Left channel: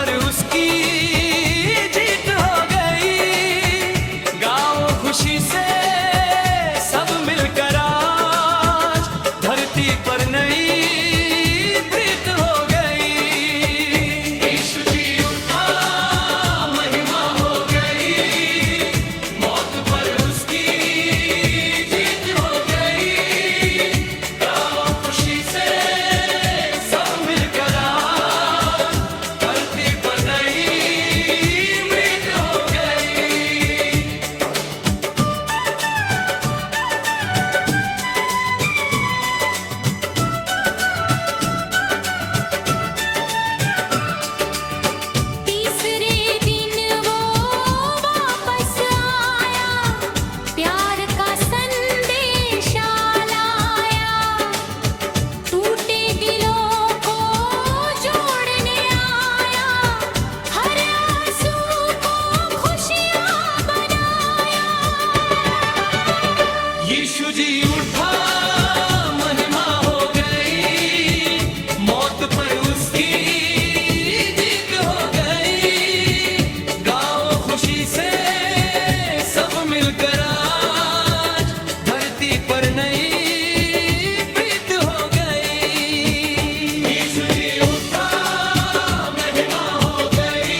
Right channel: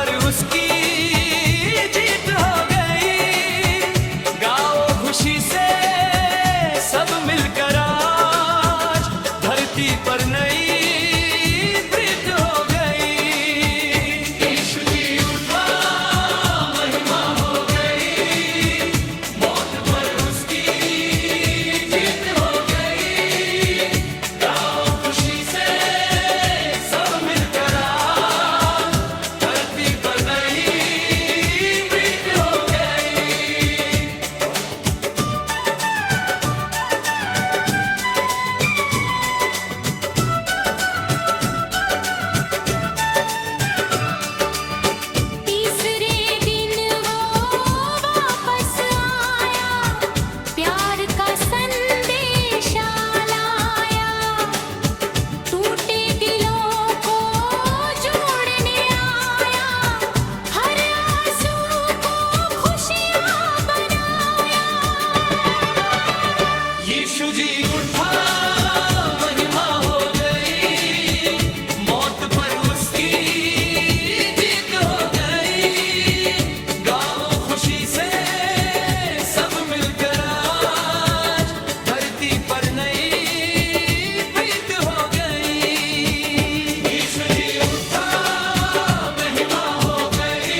पर उसकी जीत हो गई। गाओ खुशी से सब मिलकर आज, धरती पर नई प्रीत हो गई। यीशु जी उठा, महिमा हो गई, मौत पर उसकी जीत हो गई। गाओ खुशी से सब मिलकर आज, धरती पर नई प्रीत हो गई। तीसरे दिन वो वापस आया, प्यार का संदेशा लाया। टूटे दिलों को जोड़ने आया, हर आंसू को खुशियाँ बनाया। यीशु जी उठा, महिमा हो गई, मौत पर उसकी जीत हो गई। गाओ खुशी से सब मिलकर आज, धरती पर नई प्रीत हो गई। यीशु जी उठा, महिमा हो गई,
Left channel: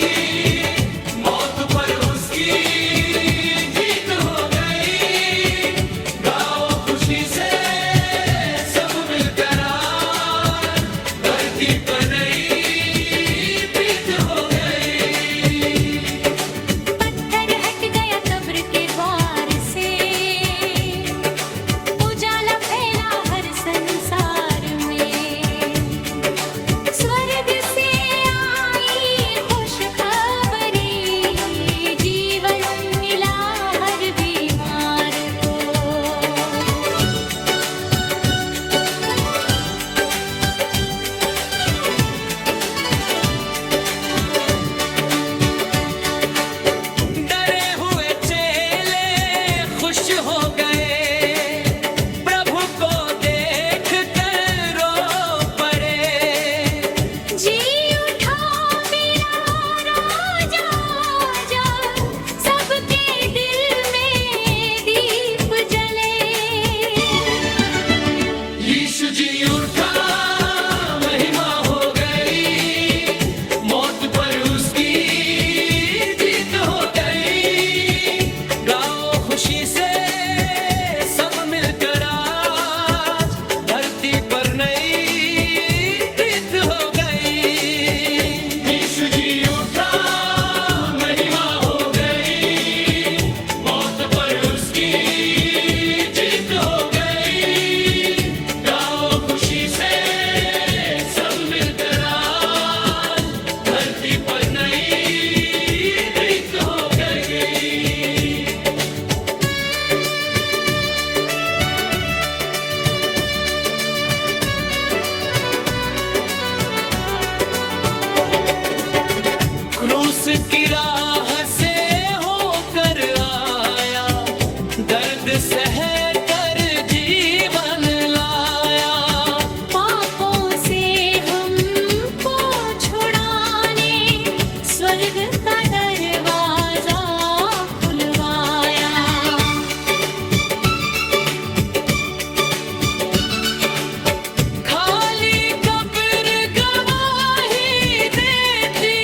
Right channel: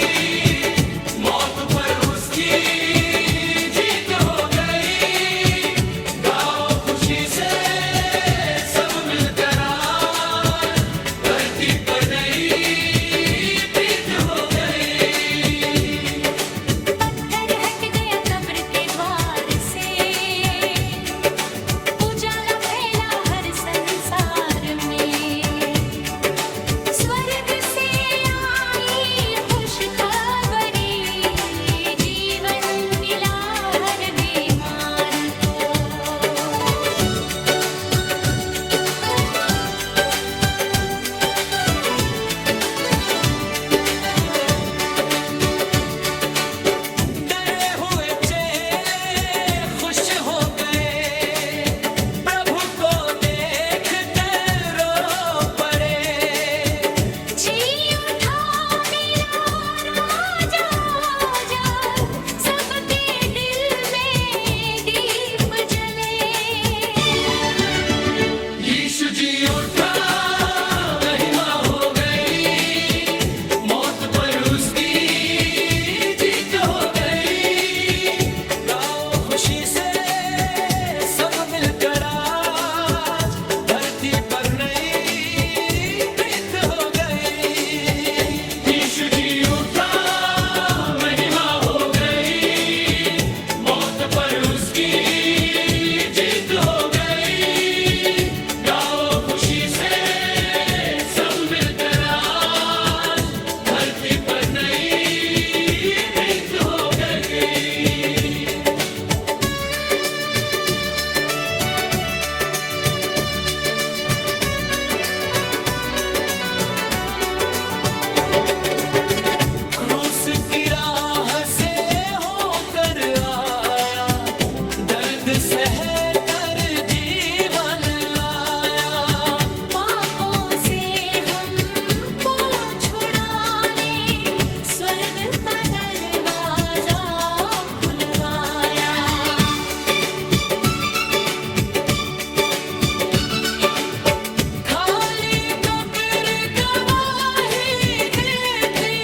मौत पर उसकी जीत हो गई। गाओ खुशी से सब मिलकर आज, धरती पर नई प्रीत हो गई। पत्थर हट गया कब्र के द्वार से, उजाला फैला हर संसार में। स्वर्ग से आई खुशखबरी, जीवन मिला हर बीमार को। डरे हुए चेले खुश हो गए, प्रभु को देख कर रो पड़े। जी उठा बिला राजा, आजा, सबके दिल में दीप जले। यीशु जी उठा, महिमा हो गई, मौत पर उसकी जीत हो गई। गाओ खुशी से सब मिलकर आज, धरती पर नई प्रीत हो गई। यीशु जी उठा, महिमा हो गई, मौत पर उसकी जीत हो गई। गाओ खुशी से सब मिलकर आज, धरती पर नई प्रीत हो गई। क्रूस की राह से होकर आया, दर्द सह कर जीवन लाया। पापों से हमको छुड़ाने, स्वर्ग का दरवाजा खुलवाया। खाली कब्र गवाही देती,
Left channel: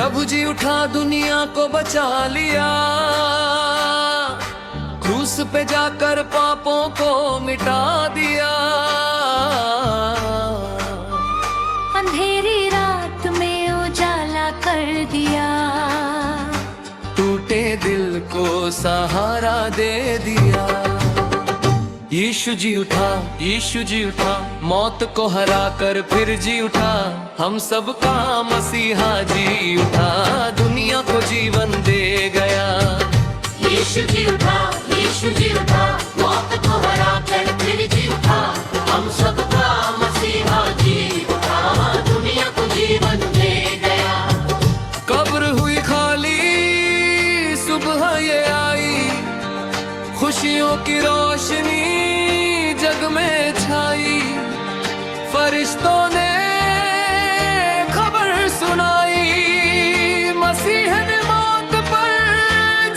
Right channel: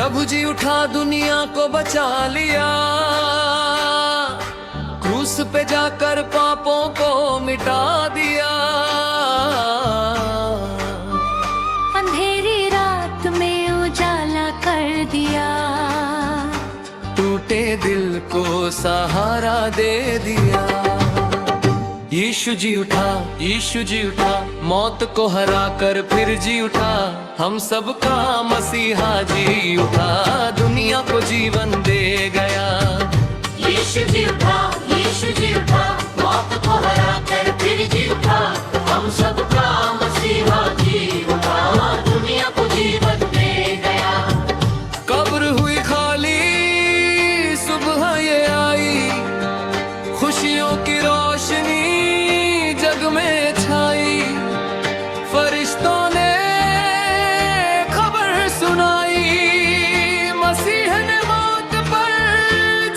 प्रभु जी उठा दुनिया को बचा लिया, क्रूस पे जाकर पापों को मिटा दिया। अंधेरी रात में उजाला कर दिया, टूटे दिल को सहारा दे दिया। यीशु जी उठा, यीशु जी उठा, मौत को हरा कर फिर जी उठा। हम सबका मसीहा जी उठा, दुनिया को जीवन दे गया। यीशु जी उठा, यीशु जी उठा, मौत को हरा कर फिर जी उठा। हम सबका मसीहा जी उठा, दुनिया को जीवन दे गया। कब्र हुई खाली, सुबह ये आई, खुशियों की रोशनी जग में छाई। फरिश्तों ने खबर सुनाई, मसीह ने मौत पर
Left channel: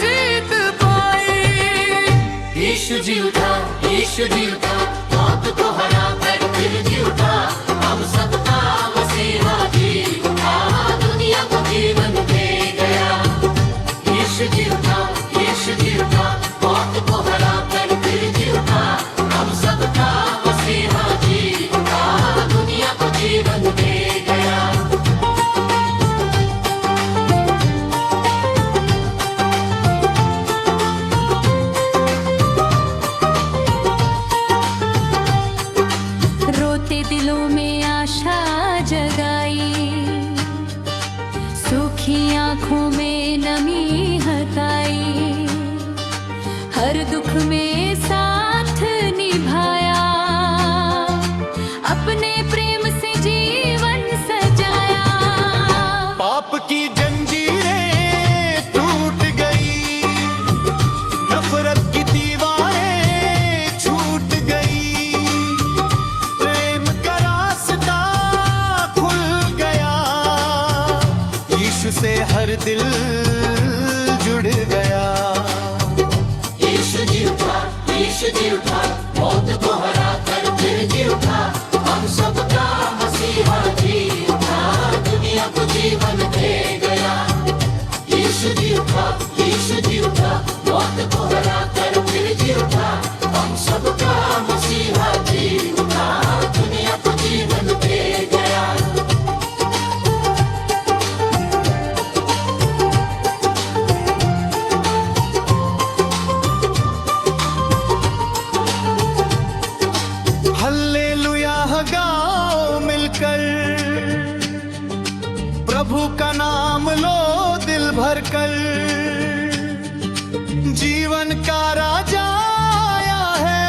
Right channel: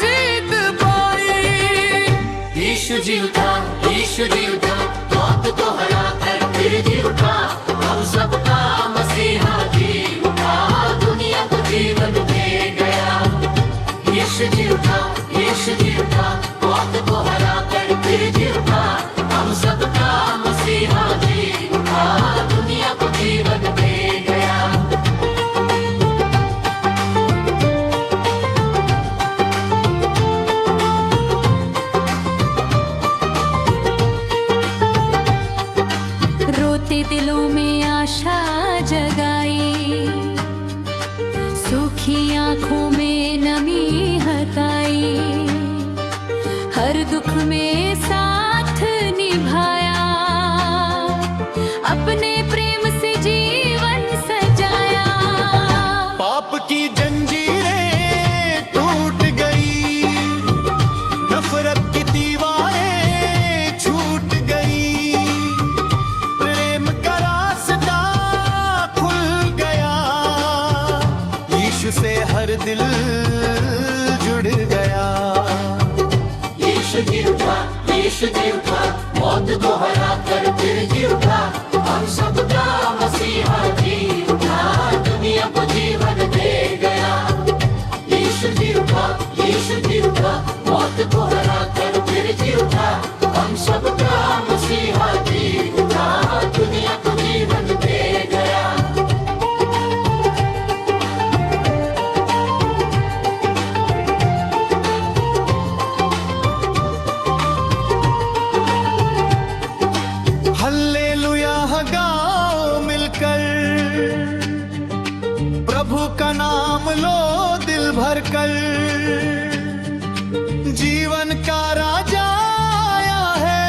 जीत पाई। यीशु जी उठा, यीशु जी उठा, मौत को हरा कर फिर जी उठा। हम सबका मसीहा जी उठा, दुनिया को जीवन दे गया। यीशु जी उठा, यीशु जी उठा, मौत को हरा कर फिर जी उठा। हम सबका मसीहा जी उठा, दुनिया को जीवन दे गया। रोते दिलों में आशा जगाई, सूखी आंखों में नमी हटाई। हर दुख में साथ निभाया, अपने प्रेम से जीवन सजाया। पाप की जंजीरें टूट गई, नफरत की दीवारें छूट गई। प्रेम का रास्ता खुल गया, यीशु से हर दिल जुड़ गया। यीशु जी उठा, यीशु जी उठा, मौत को हरा कर फिर जी उठा। हम सबका मसीहा जी उठा, दुनिया को जीवन दे गया। यीशु जी उठा, यीशु जी उठा, मौत को हरा कर फिर जी उठा। हम सबका मसीहा जी उठा, दुनिया को जीवन दे गया। हल्लेलुया गाओ मिलकर, प्रभु का नाम लो दिल भर कर। जीवन का राजा आया है,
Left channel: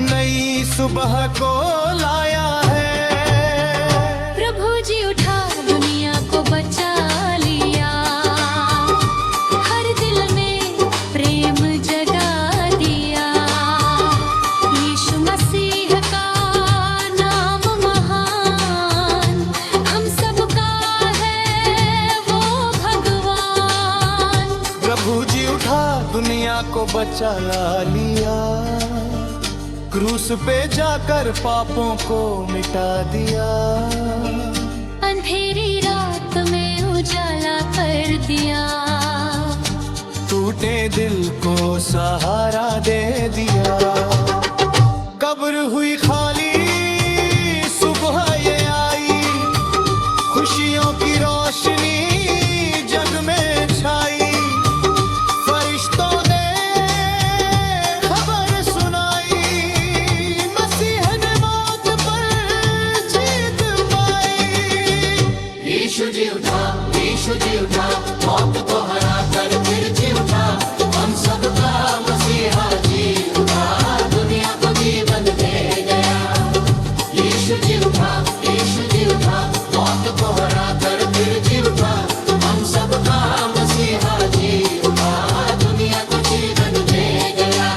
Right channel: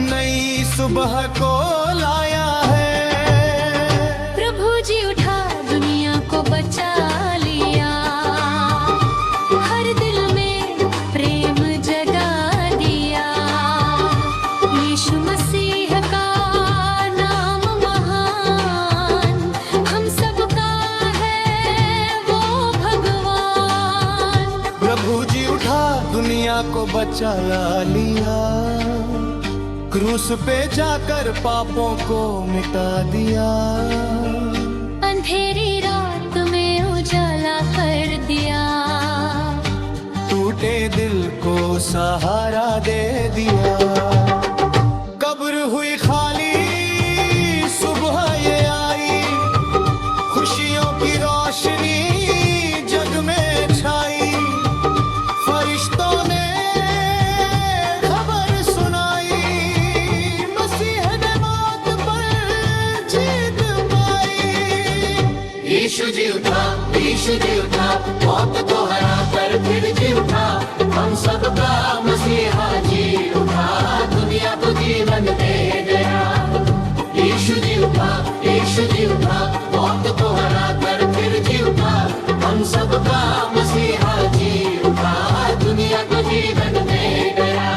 नई सुबह को लाया है। प्रभु जी उठा, दुनिया को बचा लिया। हर दिल में प्रेम जगा दिया। यीशु मसीह का नाम महान, हम सबका है वो भगवान। प्रभु जी उठा, दुनिया को बचा लिया। क्रूस पे जाकर पापों को मिटा दिया। अंधेरी रात में उजाला कर दिया। टूटे दिल को सहारा दे दिया। कब्र हुई खाली, सुबह ये आई, खुशियों की रोशनी जग में छाई। फरिश्तों ने खबर सुनाई, मसीह ने मौत पर जीत पाई। यीशु जी उठा, यीशु जी उठा, मौत को हरा कर फिर जी उठा। हम सबका मसीहा जी उठा, दुनिया को जीवन दे गया। यीशु जी उठा, यीशु जी उठा, मौत को हरा कर फिर जी उठा। हम सबका मसीहा जी उठा, दुनिया को जीवन दे गया।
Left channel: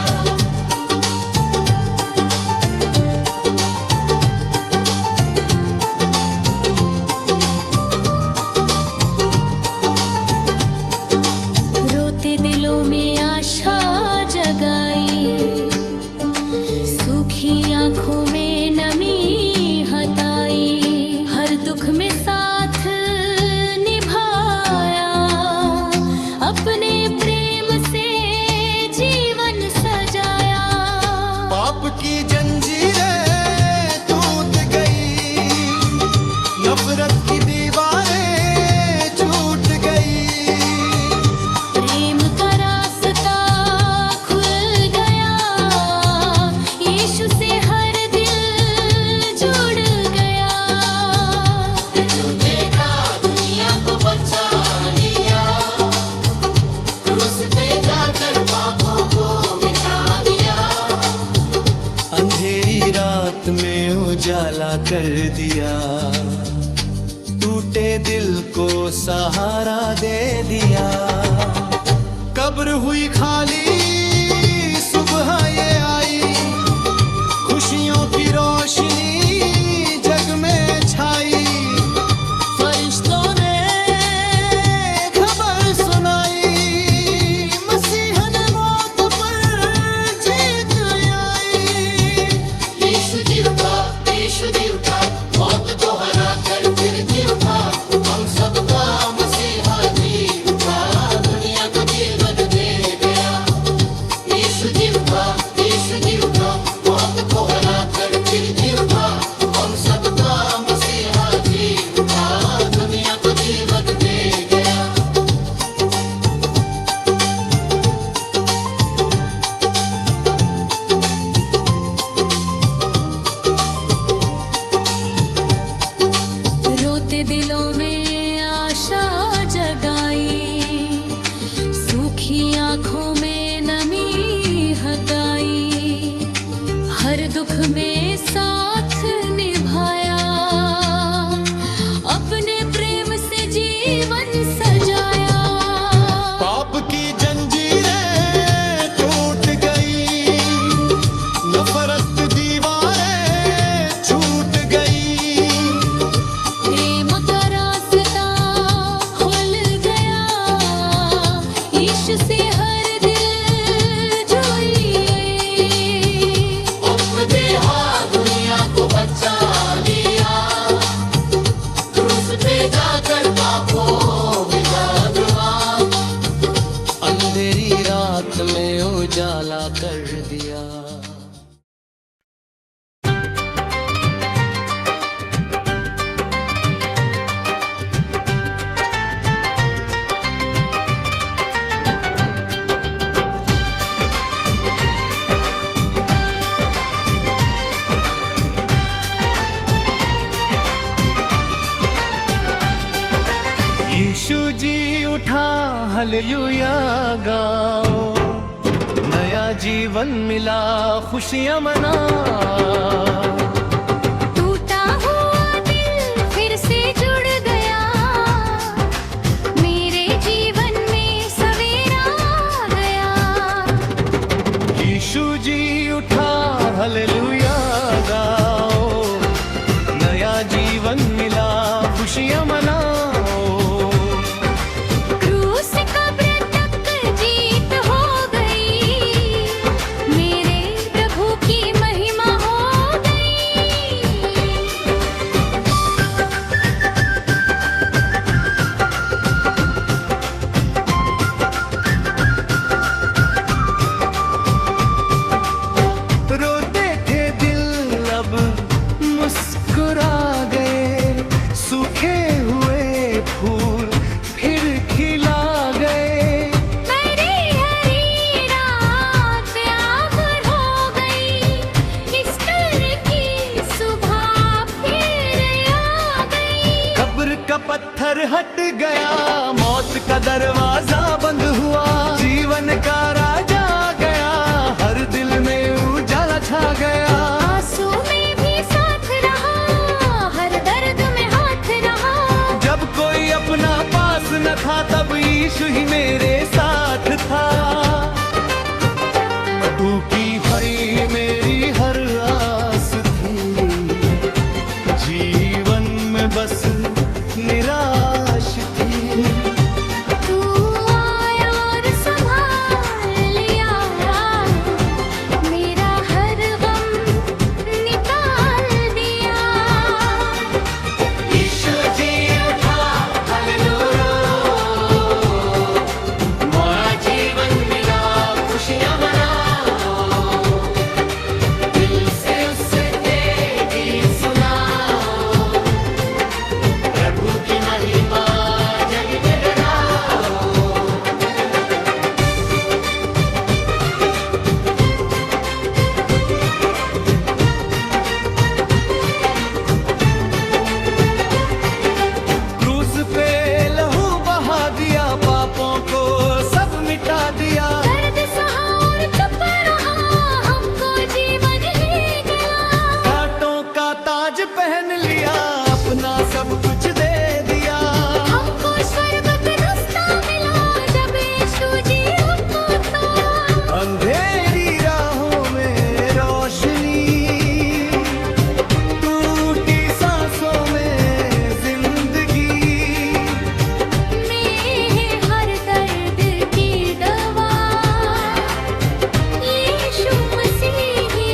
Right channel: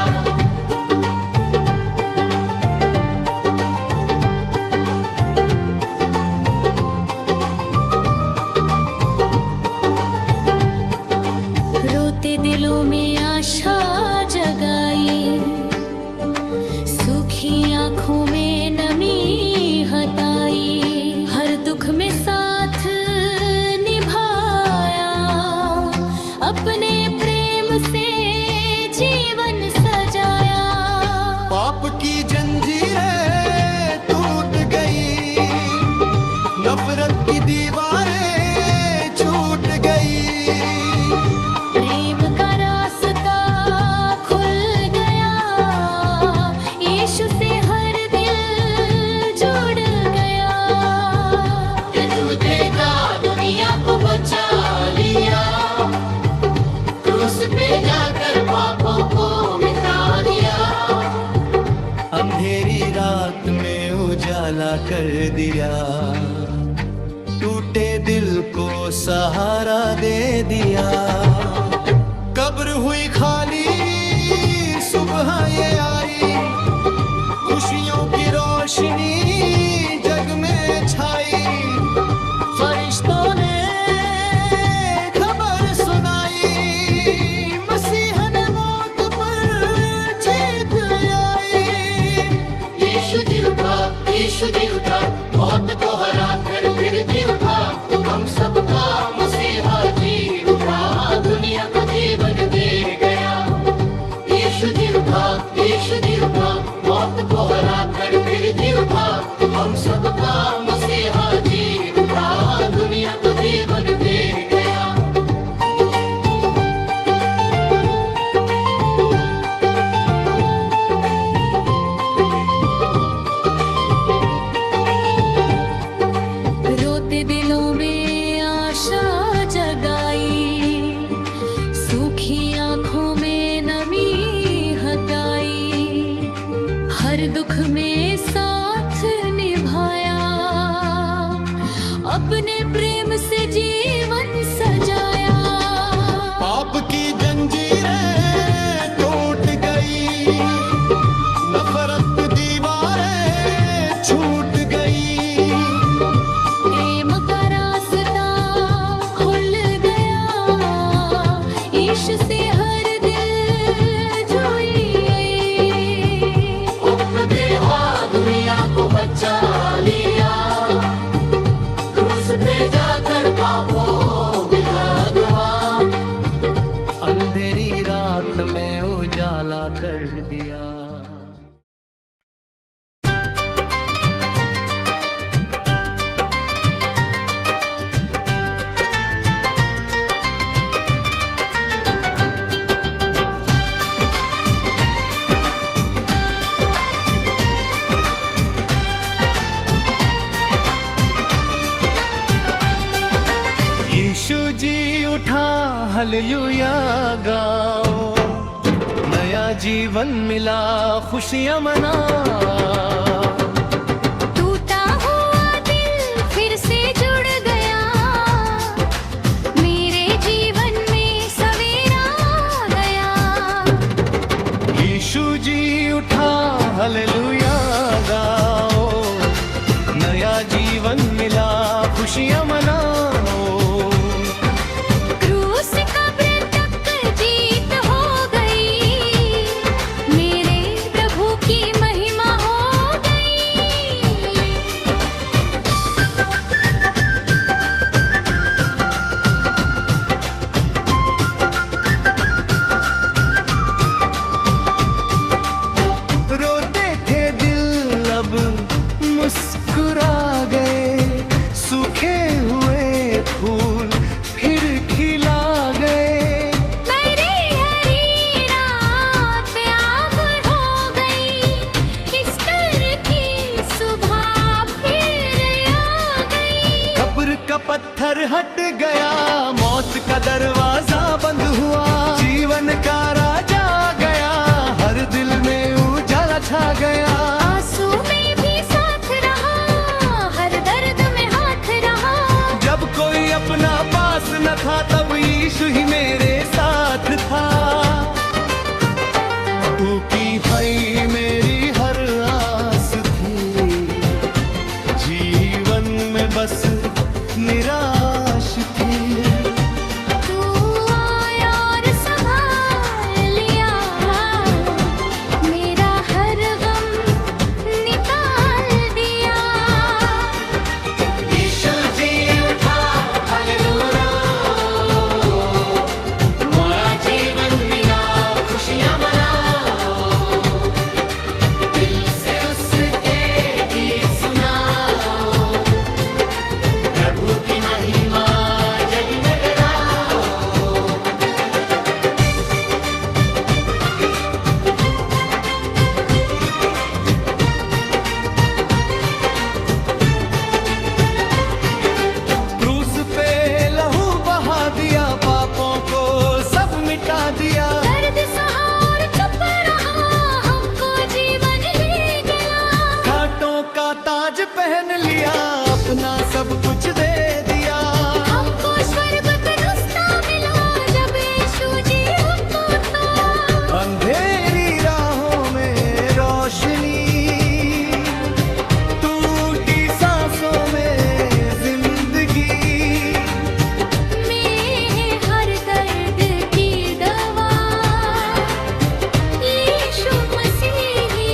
रोते दिलों में आशा जगाई, सूखी आंखों में नमी हटाई। हर दुख में साथ की जंजीरें टूट गई, नफरत की दीवारें छूट गई। प्रेम का रास्ता खुल गया, यीशु से हर दिल जुड़ गया। यीशु देखा दुनिया को बचा लिया, क्रूस पे जाकर पापों को मिटा दिया। अंधेरी रात में उजाला कर दिया, टूटे दिल को सहारा दे दिया। कब्र हुई खाली, सुबह ये आई, खुशियों की रोशनी जग में छाई। फरिश्तों ने खबर सुनाई, मसीह ने मौत पर जीत आई। यीशु जी उठा, यीशु जी उठा, मौत को हरा कर फिर जी उठा। हम सबका मसीहा जी उठा, दुनिया को जीवन दे गया। यीशु जी उठा, यीशु जी उठा, मौत को हरा कर फिर जी उठा। हम सबका मसीहा जी उठा, दुनिया को जीवन दे गया। रोते दिलों में आशा जगाई, सूखी आंखों में नमी हटाई। हर दुख में साथ निभाया, अपने प्रेम से जीवन सजाया। पाप की जंजीरें टूट गई, नफरत दीवारें छूट गई। प्रेम का रास्ता खुल गया, यीशु से हर दिल जुड़ गई। अपने हाथ दुनिया को बचा लिया, क्रूस पे जाकर पापों मिटा दिया। अंधेरी रात में उजाला कर दिया। यीशु जी उठा, हालेलुया गाओ, नया जीवन मिला, खुशियां मनाओ। टूटा हुआ दिल फिर से जुड़ गया, मेरे जीवन में सवेरा आ गया। यीशु जी उठा, हालेलुया गाओ, नया जीवन मिला, खुशियां मनाओ। क्रूस कब्र तक जीत हो गई, मेरे प्रभु की महिमा हो गई। रोते थे दिल अब मुस्कुरा गए, सूखे हुए फूल फिर खिला गए। मेरी हरी रात अब हो गई, ईस्टर की सुबह फिर आ गई। कब्र का पत्थर हट गया, मौत का दरवाजा बंद हुआ। जीवन का राजा गया, हर दिल में उजाला छा गया। आंसू में भी साथ रहा, हर दर्द में हाथ रहा। जब कोई अपना पास न था, तब यीशु ही मेरे साथ था। तू की भई मेरी हर आस थी, जीवन में बस निराश थी। तू आया और संभाल लिया, मेरा हर गम निकाल दिया। यीशु जी उठा, हालेलुया, मोरा जीवन मिला, खुशियां मनाओ। दिल पापों को सब मिटा दिया। दर्द सहा और चुप रहा, हमको जीवन ही गया। घाटों का ताज पहन लिया, अपना सब कुछ दे दिया। हमको स्वर्ग का रास्ता मिला, जब यीशु जी हमको था। अंधेरी राहों में रोशनी, टूटी सांसों में जिंदगी, में हर दर्द की दवा यीशु मसीह ही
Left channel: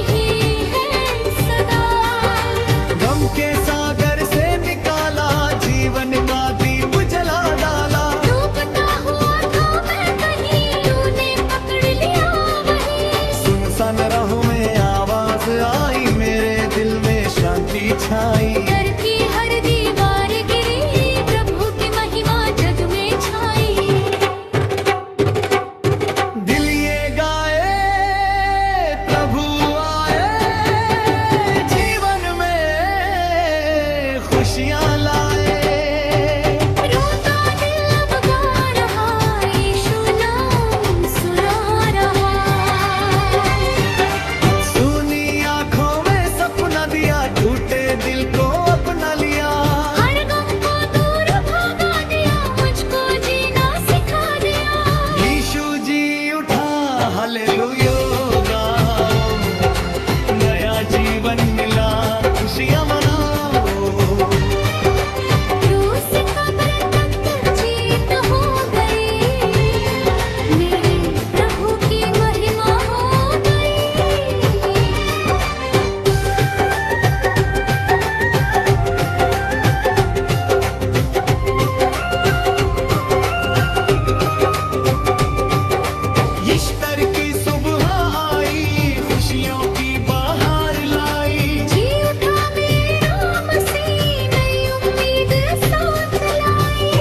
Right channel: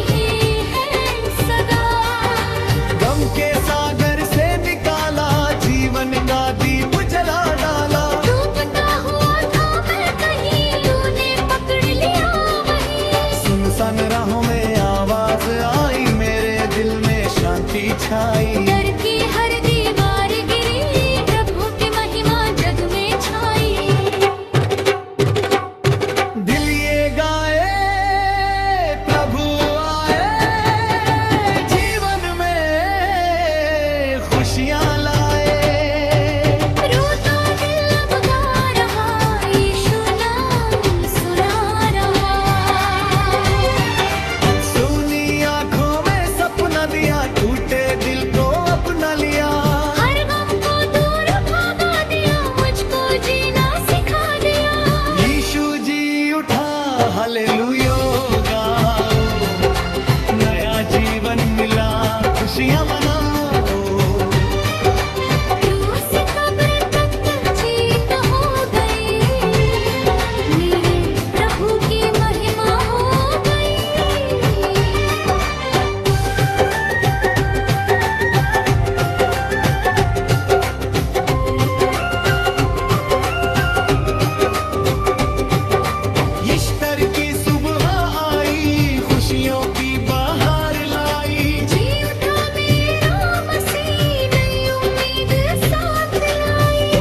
है सदा। गम के सागर से निकाला, जीवन का दीप जला डाला। डूबता हुआ था मैं कहीं, तूने पकड़ लिया वहीं। सुनसान राहों में आवाज आई, मेरे दिल में शांति छाई। डर की हर दीवार गिरी, प्रभु की महिमा जग में छाई। दिल ये गाए प्रभु आए, जीवन में खुशियाँ लाए। रोता दिल अब गा रहा, यीशु नाम सुना रहा। सुनी आँखों में सपना दिया, टूटे दिल को अपना लिया। हर गम को दूर भगा दिया, मुझको जीना सिखा दिया। यीशु जी उठा, हालेलुया गाओ। नया जीवन मिला, खुशियाँ मनाओ। क्रूस कब्र तक जीत हो गई, मेरे प्रभु की महिमा हो गई। ईस्टर की सुबह आई, खुशियों की बाहर लाई। जी उठा मेरा मसीह, नई उम्मीद साथ लाई।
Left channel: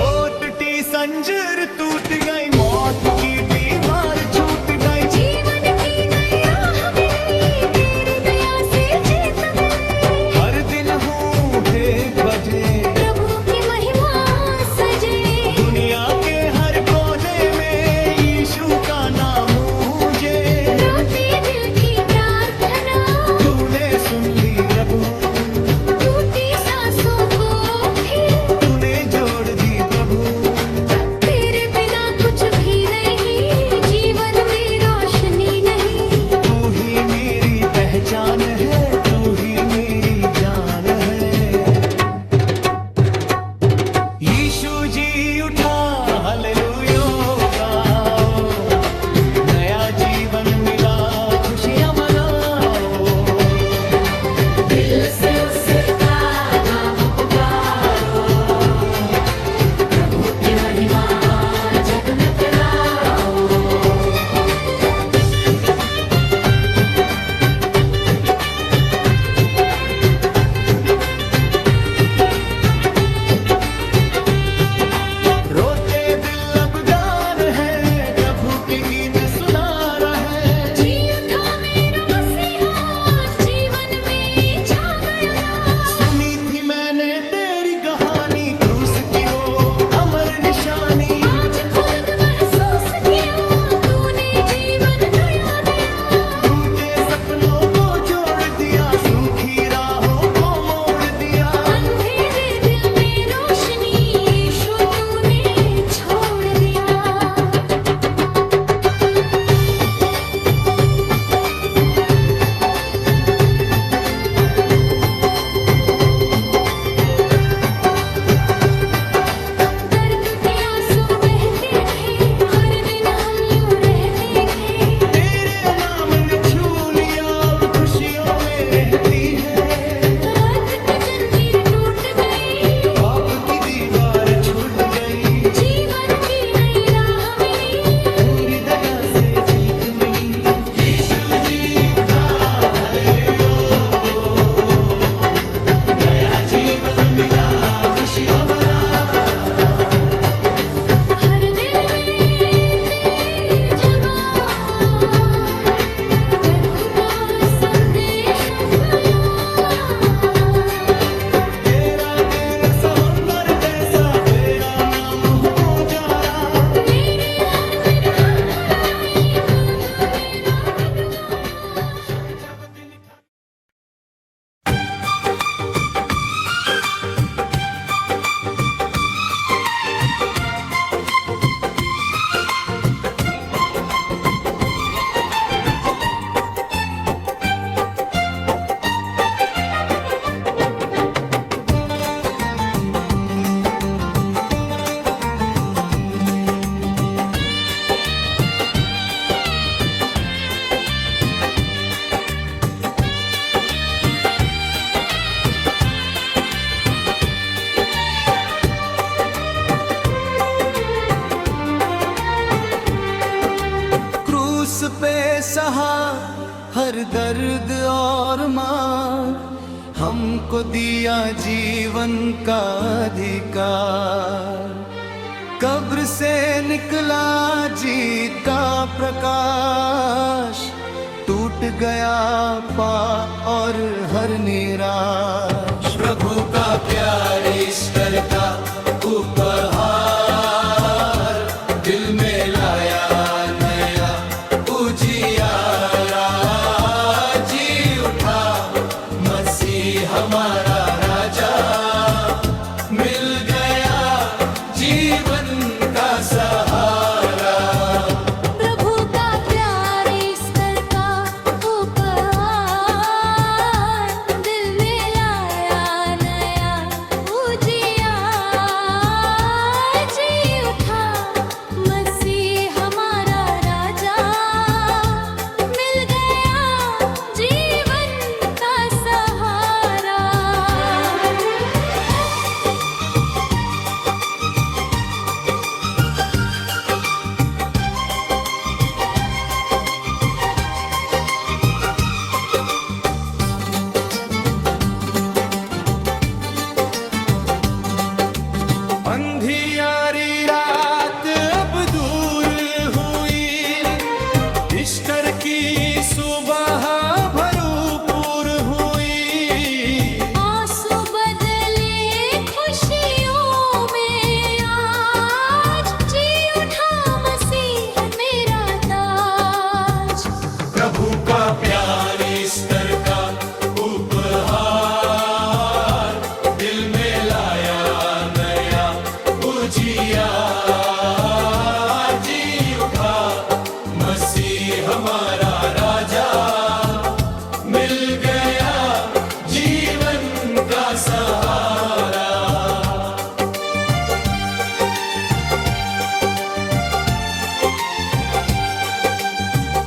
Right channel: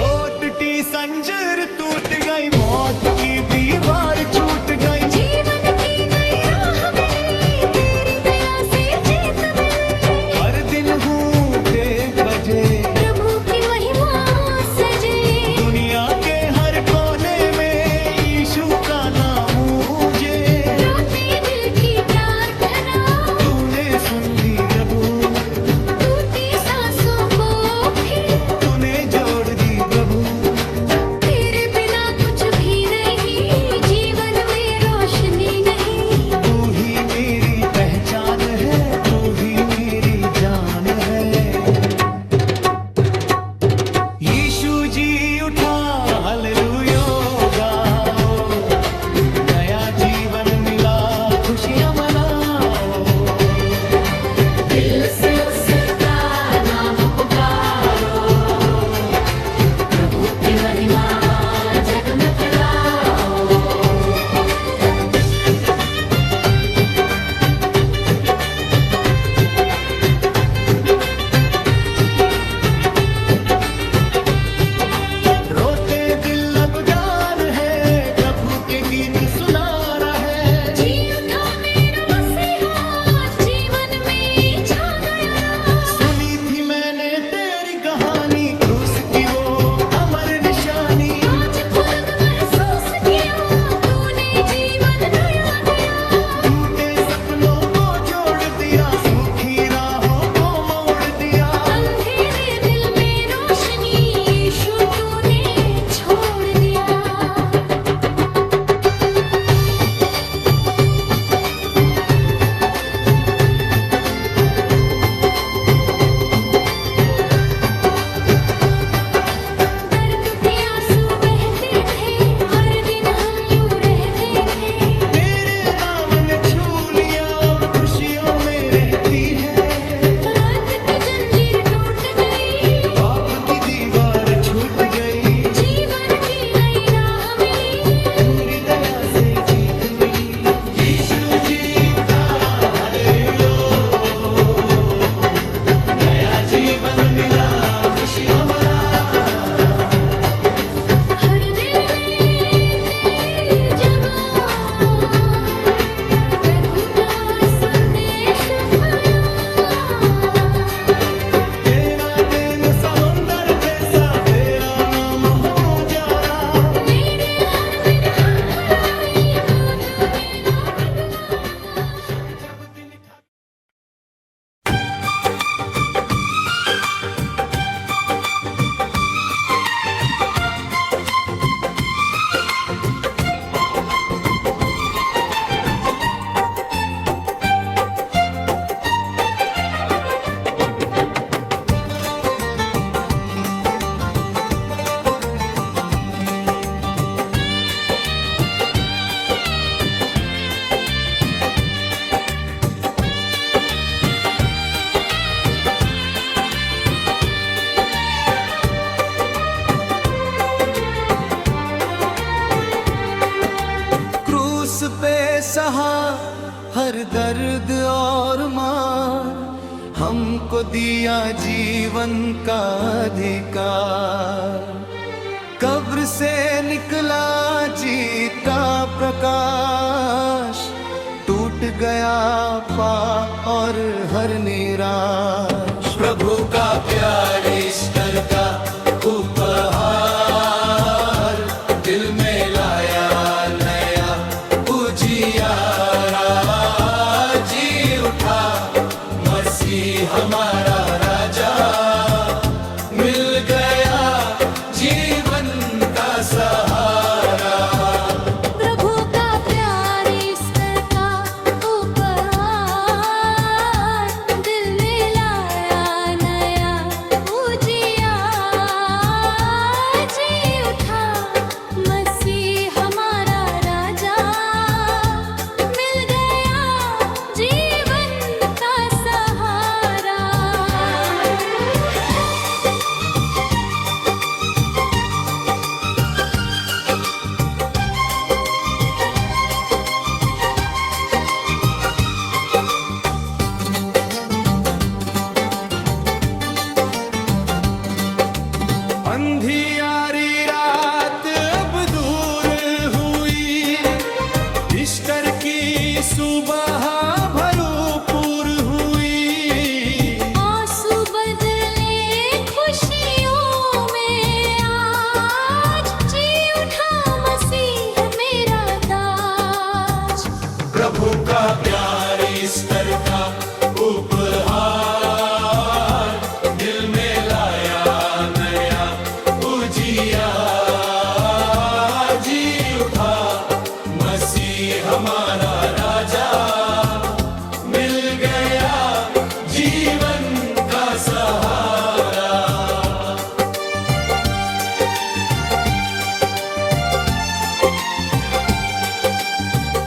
टूटी संजर टूट गई, मौत की दीवार छूट गई। जीवन की नई राह मिली, तेरी दया से जीत मिली। हर दिन हूँ 1 बजे, प्रभु की महिमा सजे। दुनिया के हर कोने में यीशु का नाम मुझे। रोते दिल की प्रार्थना, तूने सुन ली प्रभु, टूटी सांसों को फिर। तूने जोड़ दी प्रभु। तेरे बिना कुछ भी नहीं, जीवन में रोशनी नहीं। तू ही मेरी पहचान है, तू ही मेरी जान है। यीशु जी उठा, हालेलुया गाओ। नया जीवन मिला, खुशियाँ मनाओ। दिल से उसका नाम पुकारो, प्रभु की महिमा जग में फैलाओ। रोते दिल अब गान है, प्रभु के गीत सुना रहा है। जी उठा मेरा मसीहा, जीवन में छा गया राज। सुनी थी मैंने तेरी कहानी, क्रूस की वो अमर निशानी। आज खुद महसूस किया, तूने जीवन नया दिया। टूटे सपनों को जोड़ दिया, सूखी राहों को मोड़ दिया। अंधेरे दिल में रोशनी, यीशु तूने छोड़ दिया। दर्द के आंसू बहते थे, हर दिन हम यूं रहते थे। तेरे नाम ने छू लिया, अब खुशियों में रहती है। दर्द की जंजीर टूट गई, पाप की दीवार छूट गई। जीवन की नई राह मिली। पूरी दया से जीत मिली। यीशु जी उठा, हालेलुया। नया जीवन मिला, खुशियाँ मना। हर दिल में तेरी जगह, प्रभु का संदेश गया। तेरा प्रेम समंदर जैसा, तेरा नाम हो जा सहा हर दर्द और मार, हमको दिया जीवन का अधिकार। कब्र से निकला जीत का प्रकाश, टूट गया पाप और हर निराश। प्रभु का प्यार ईस्टर का उपहार, दिल में लाया नया उजियारा। जी उठा मसीह हमारा राजा, मिल गया जीवन का सहारा। प्रभु का प्यार ईस्टर का उपहार, दिल में लाया नया उजियार। जी उठा मसीह हमारा राजा, मिल गया जीवन का सहारा। अंधियारी रात अब दूर हुई, ईस्टर की सुबह भरपूर हुई। आंसू बदले खुशियों में आज, जी उठा मसीह मेरा ताज। प्रभु का प्यार ईस्टर का उपहार, दिल में लाया नया उजियार। जी उठा मसीह हमारा राजा, मिल गया जीवन का सहारा।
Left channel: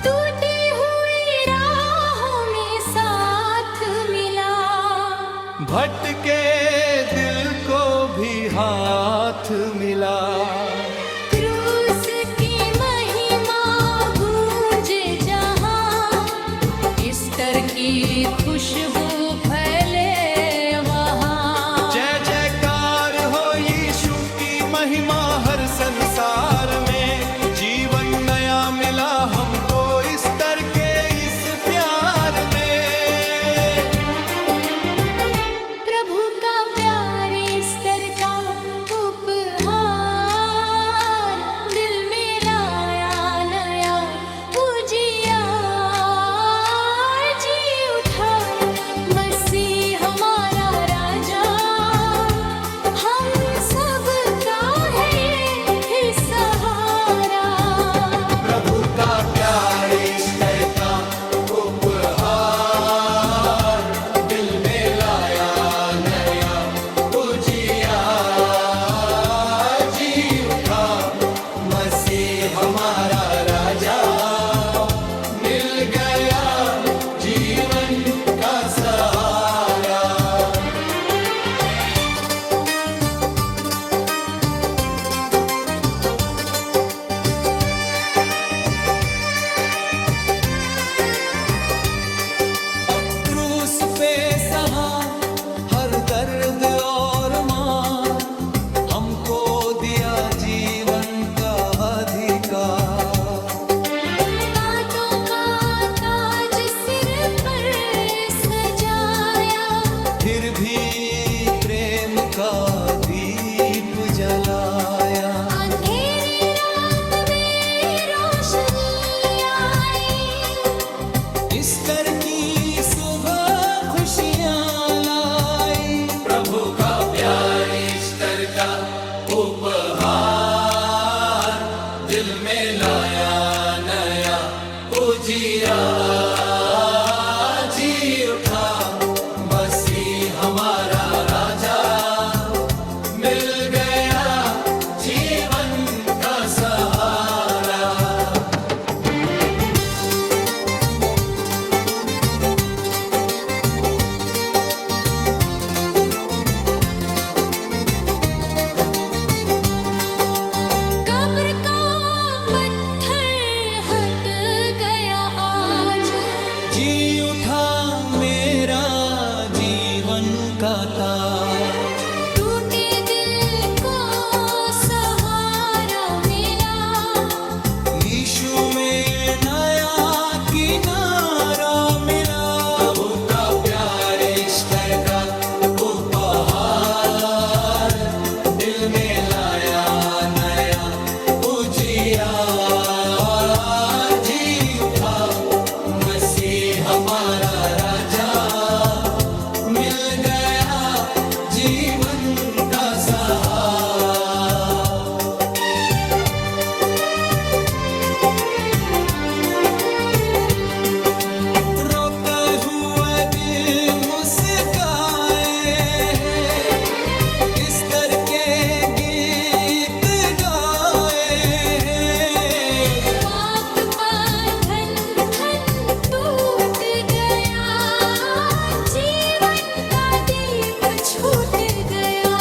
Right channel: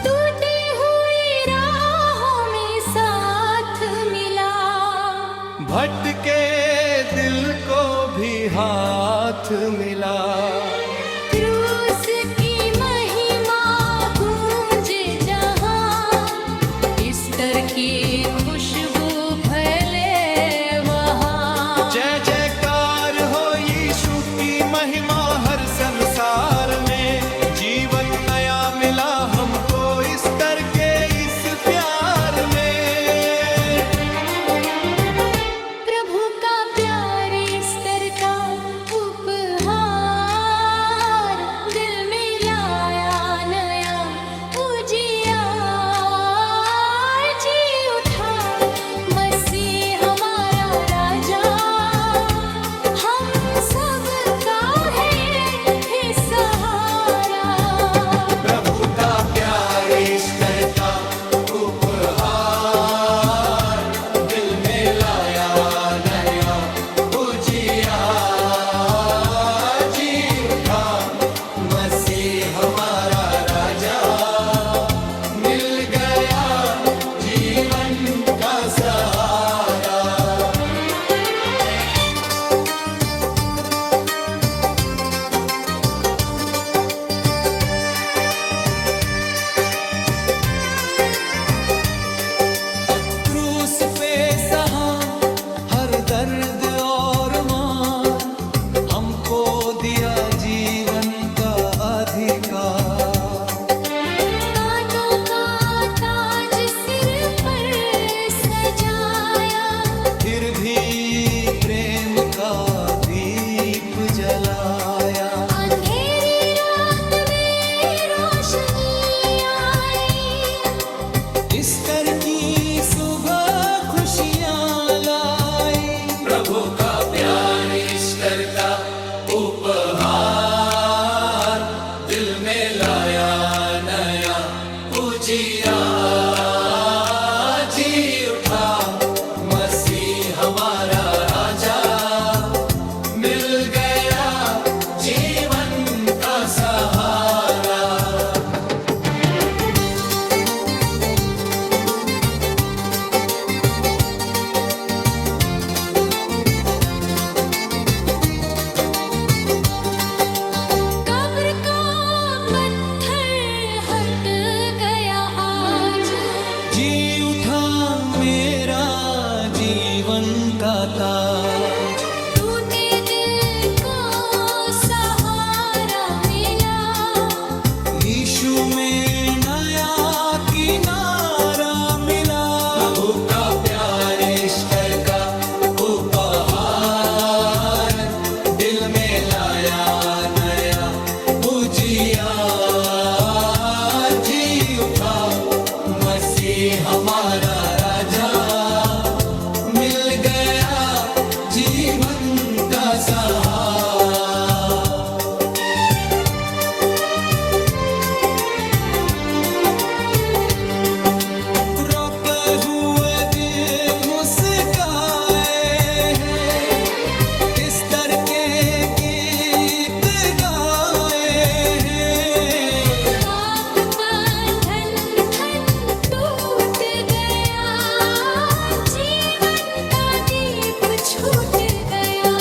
टूटी हुई राहों में साथ मिला, भटके दिल को भी हाथ मिला। क्रूस की महिमा गूंजे जहां, ईस्टर की खुशबू फैले वहां। जय जयकार हो यीशु की महिमा हर संसार में। जीवन नया मिला हमको ईस्टर के इस प्यार में। प्रभु का प्यार ईस्टर का उपहार, दिल में लाया नया उजियार। जी उठा मसीह हमारा राजा, हम सब का है ये ही सहारा। प्रभु का प्यार ईस्टर का उपहार, दिल में लाया नया उजियार। जी उठा मसीह हमारा राजा, मिल गया जीवन का सहारा। क्रूस पे सहा हर दर्द और मार, हमको दिया जीवन का अधिकार। कांटों का ताज सिर पर सजाया, फिर भी प्रेम का दीप जलाया। अंधेरी रात में रोशनी आई, ईस्टर की सुबह खुशियां लाई। प्रभु का प्यार ईस्टर का उपहार, दिल में लाया नया उजियार। जी उठा मसीह हमारा राजा, मिल गया जीवन जाता। टूटे दिल को सहारा मिला, यीशु में नया किनारा मिला। प्रभु का प्यार ईस्टर का उपहार दिल में लाया नया उजियार। जी उठा मसीह हमारा राजा, मिल गया जीवन का सहारा। रोते हुए दिल मुस्काए हैं, ईस्टर के गीत गाए हैं। पाप बंधन ठन टूट गया, जीवन का दीप छूट गया।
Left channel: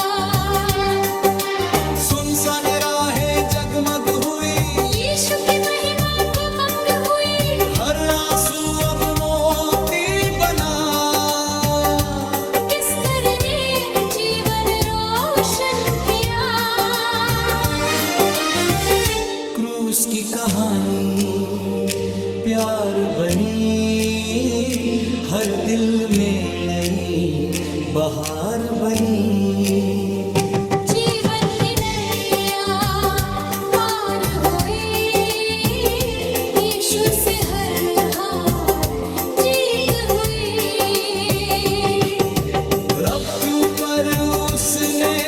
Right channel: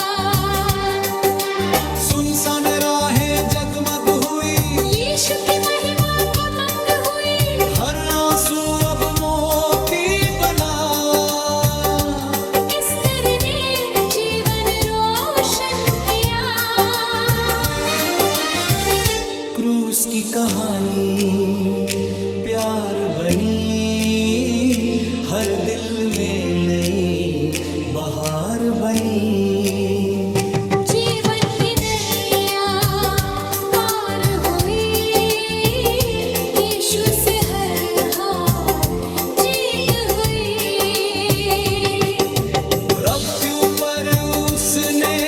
सुनसान राहें जगमग हुई, यीशु की महिमा को मंग हुई, हर आंसू अब मोती बना। ईस्टर ने जीवन रोशन किया। क्रूस की कहानी प्यार बनी, हर दिल में नई बहार बनी। जीवन की नैया पार हुई, यीशु से हर हार जीत हुई। रब के ऊपर उसने